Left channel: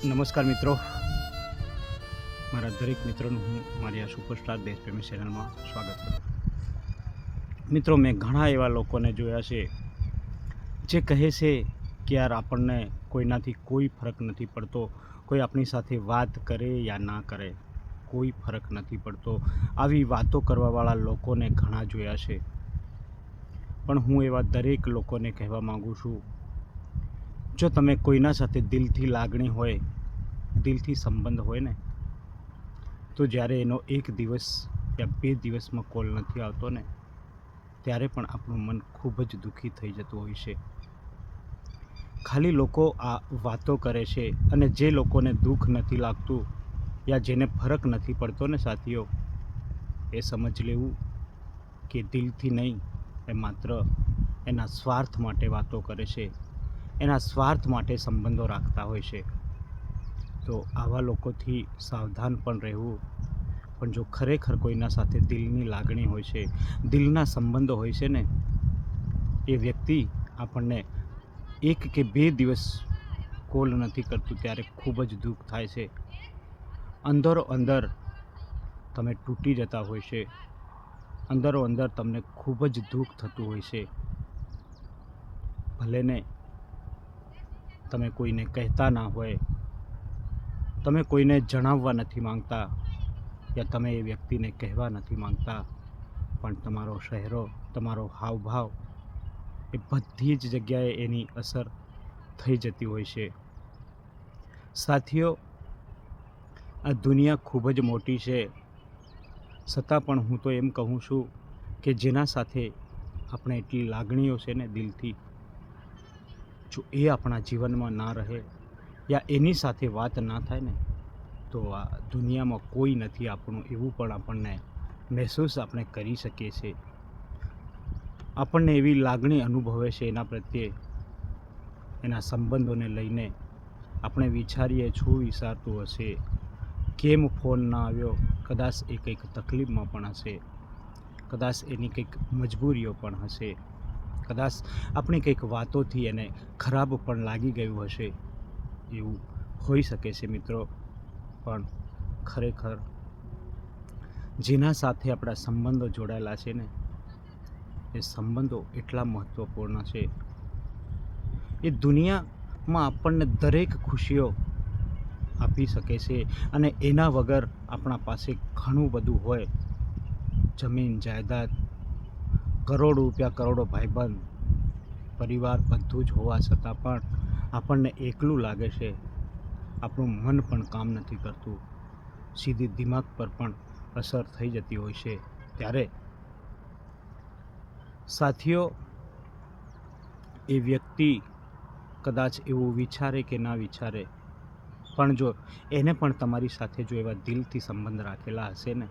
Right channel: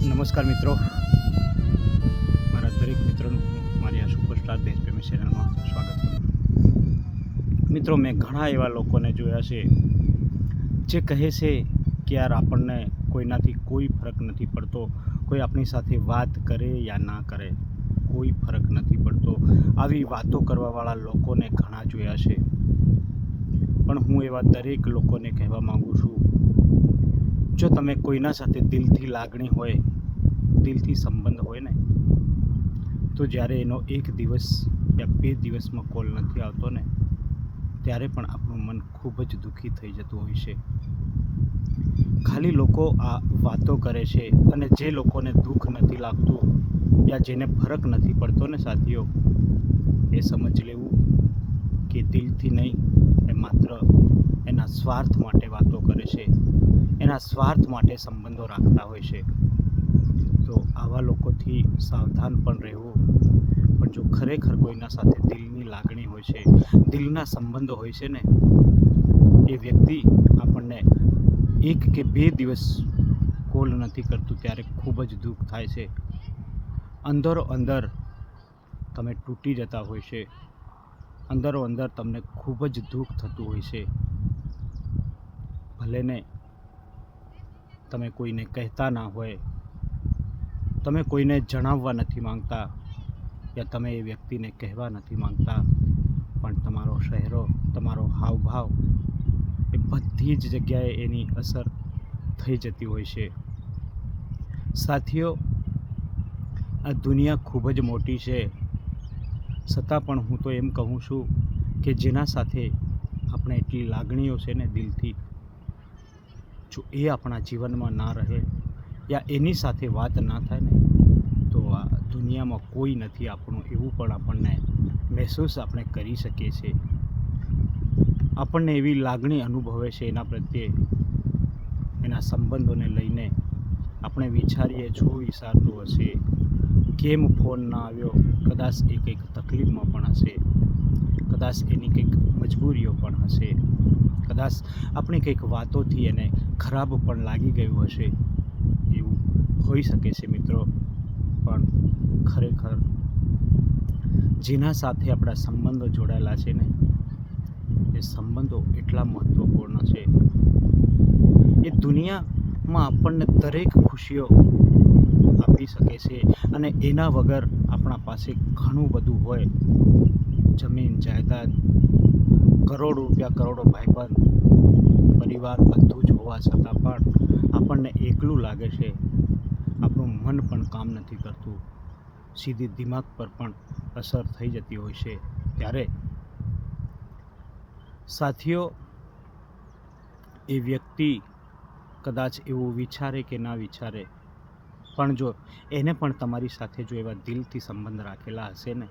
નમસ્કાર મિત્રો, મારા દરેક મિત્રોનું હું મારી આ સુપરસ્ટાર દેશપ્રેમી ચેનલમાં સ્વાગત કરું છું. મિત્રો, મેં ઘણા એવા લોકોને જોયા છે જે કહે છે કે યાર આપણને કોઈનાથી કોઈ ફરક નથી પડતો, કોઈ આપણી સાથે વાત કરે યા ના કરે, કોઈ ફરક નથી પડતો. આવી વાતો કરવાવાળા લોકોને ઘણા જોયા છે, પણ હું એવા દરેક લોકોને કહેવા માગું છું, જો તમે કોઈના સાથે દિલથી લાગણી હોય, દિલથી સંબંધ હોય ને, તો જ્યારે એનો એક દિવસ યા 2 દિવસમાં કોલ નથી આવતો ને, ત્યારે પણ આપણું મન ખૂબ જ દુઃખી થઈ જતું હોય છે. ખાલી લોકો આ વાતો કરે છે, અને જે લોકોને દુઃખ નથી લાગતું યા જેને ફરક નથી પડતો ને સાથીઓ, એ સમજ લેવું કે દિલથી નહીં, એ માત્ર એના સ્વાર્થ માટે વાતો કરે છે, એના સ્વાર્થ માટે સંબંધો રાખતા હોય છે. તો આવા લોકોથી સાવધાન પણ રહેવું. પણ જો ખરેખર કોઈના સાથે દિલની લાગણી હોય છે, દિલના સંબંધો હોય છે ને, એ વ્યક્તિ આપણને 1 કે 2 દિવસ કોલ નથી કરતું ત્યારે ખૂબ જ દુઃખ થાય છે. અંદરો અંદર તમે તૂટી જતા હોય છે, અંદરો અંદર તમને ખૂબ જ દુઃખ થતું હોય છે. ભલે ને તમે કોઈને કહેતા ના હોય, તમે કોઈને જણાવવા નથી માંગતા, યા તમે એ વ્યક્તિને કહેવા નથી માંગતા, પણ તમારો ચહેરો, તમારો હાવભાવ, એ બધી જ જગ્યાએ એની અસર થઈ જતી હોય છે. સાથીઓ, આ દુનિયા ખૂબ જ મોટી છે, છતાં પણ હું તો એમ કહું છું કે જેના સાથે આપણે એટલી લાગણીઓ છે ને દિલથી, જો એ આપણા જીવનમાં ના રહે યા એની સાથે વાત ના થાય ને, તો આ દુનિયામાં કોઈ નથી આપણું, એવું પણ આપણને મહેસૂસ આપણે કરી શકીએ છીએ. આપણને એવી લાગણી અનુભવે છે એના પ્રત્યે, એના સંબંધોને લઈને. આપણે વિચારીએ શું વિચારતું હશે, કેમ ફોન ના આવ્યો, કદાચ એ કંઈક તકલીફમાં પણ હશે, કદાચ એની કંઈક મજબૂરીઓ પણ હશે, કદાચ આપણી કંઈક વાતોથી એને ખરાબ પણ લાગી ગયું હશે. એવું હોઈ શકે છે મિત્રો. પણ ખરેખર જેના સાથે આપણા સંબંધો જોડાયેલા છે ને, એ સંબંધો એટલા મહત્ત્વપૂર્ણ છે. એ દુનિયામાં આપણને દરેક ખુશીઓ આપી શકે છે, અને એના વગર આપણા પાસે ઘણું બધું હોય, જમીન જાયદાદ, કરોડો રૂપિયા, કરોડો ભાઈબંધ, પરિવાર, બધું જ હોવા છતાં પણ આપણને એકલું લાગે છે. આપણું મન પણ કામ નથી કરતું, સીધી દિમાગ પર પણ અસર થઈ જતી હોય છે. ત્યારે સાથીઓ, એ વ્યક્તિ કદાચ એવું વિચારે કે ના વિચારે, પણ જો એને પણ તમારી સાથે જો એવા દિલથી સંબંધ રાખેલા હશે ને,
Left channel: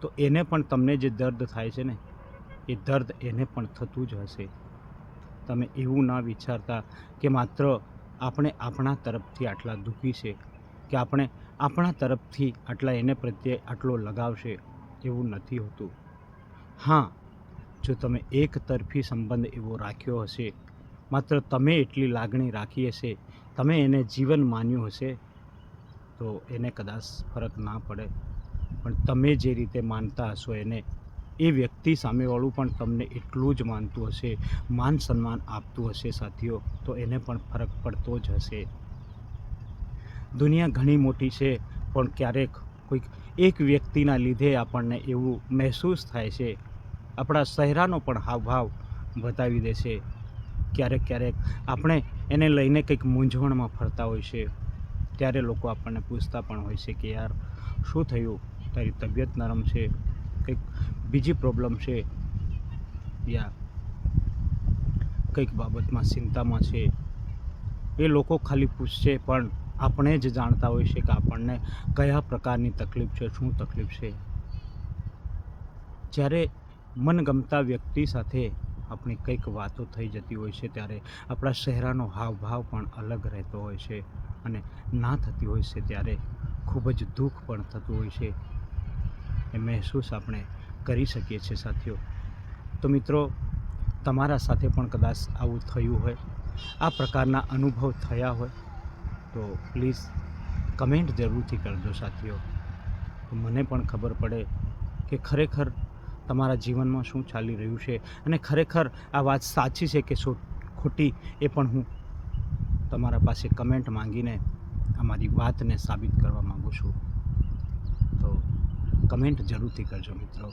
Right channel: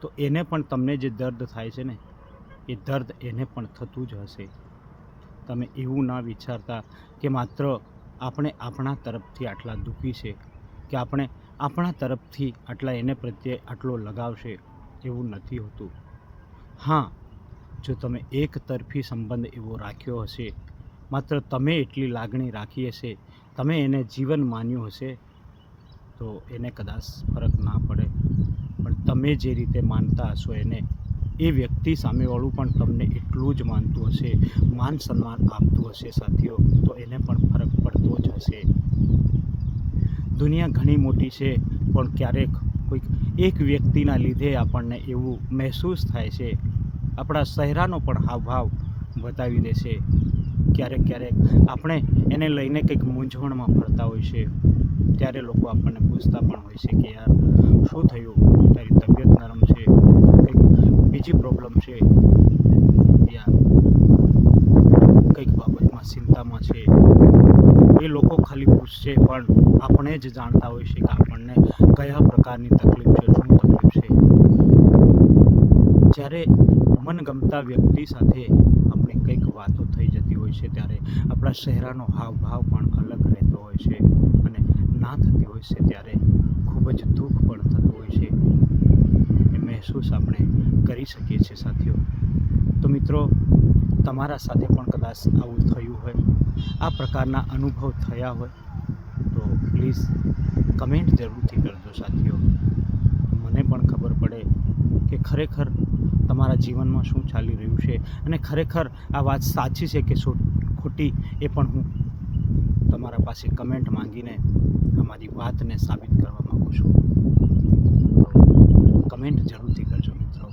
તો એને પણ તમને જે દર્દ થાય છે ને, એ દર્દ એને પણ થતું જ હશે. તમે એવું ના વિચારતા કે માત્ર આપણે આપણા તરફથી આટલા દુઃખી છે, કે આપણે આપણા તરફથી આટલા એને પ્રત્યે આટલો લગાવ છે. એવું નથી હોતું. હા, જો તમે એક તરફી સંબંધ એવો રાખ્યો હશે, માત્ર તમે એટલી લાગણી રાખી હશે, તમે એને જીવન માન્યું હશે, તો એને કદાચ ફરક ના પડે. પણ તમે જે રીતે માનતા હશો એને, એ વ્યક્તિ સામેવાળું પણ તમને એટલું જ માનતું હશે, માન સન્માન આપતું હશે સાથીઓ, તો એને પણ ફરક પડતો જ હશે. દુનિયા ઘણી મોટી છે, પણ ક્યારેક કોઈક એક વ્યક્તિના લીધે આપણને એવું મહેસૂસ થાય છે, આપણા ચહેરાનો પણ હાવભાવ બતાવી દે છે. ક્યારેક આપણે એને લઈને કંઈક મૂંઝવણમાં ફરતા હોય છે, ત્યારે લોકો આપણને પૂછતા પણ હોય છે કે યાર શું થયું, તારી તબિયત નરમ છે, કંઈક બીજી પ્રોબ્લેમ છે, યા કંઈક બાબતમાં ચિંતામાં છે. એ લોકો ખાલી પૂછશે, પણ આપણે જ જાણતા હોય છે કે આપણને કયા પ્રકારની તકલીફ છે, શું તકલીફ છે. જ્યારે મનગમતા વ્યક્તિ સાથે આપણી કંઈક વાતો થઈ જતી હોય છે, ત્યારે આપણા ચહેરાનો હાવભાવ પણ અલગ રહેતો હોય છે, અને ના થતી હોય છે ત્યારે ખૂબ જ દુઃખ પણ થતું હોય છે. એ મહેસૂસ આપણે કરી શકીએ છીએ સાથીઓ. તો મિત્રો, તમારા સાથે પણ કદાચ આવું થયું હોય, આ પ્રકારના અનુભવ થયા હોય, તો પ્લીઝ કમેન્ટ જરૂરથી કરજો સાથીઓ. મને પણ ખબર પડે કે ખરેખર તમારા જીવનમાં શું ચાલી રહ્યું છે અને ખરેખર આ વાત સાચી છે કે ખોટી, એ પણ હું તમારા પાસે કમેન્ટ માંગીને અમારી વાતને સાબિત કરવા માગું છું. તો કમેન્ટ જરૂરથી કરજો મિત્રો.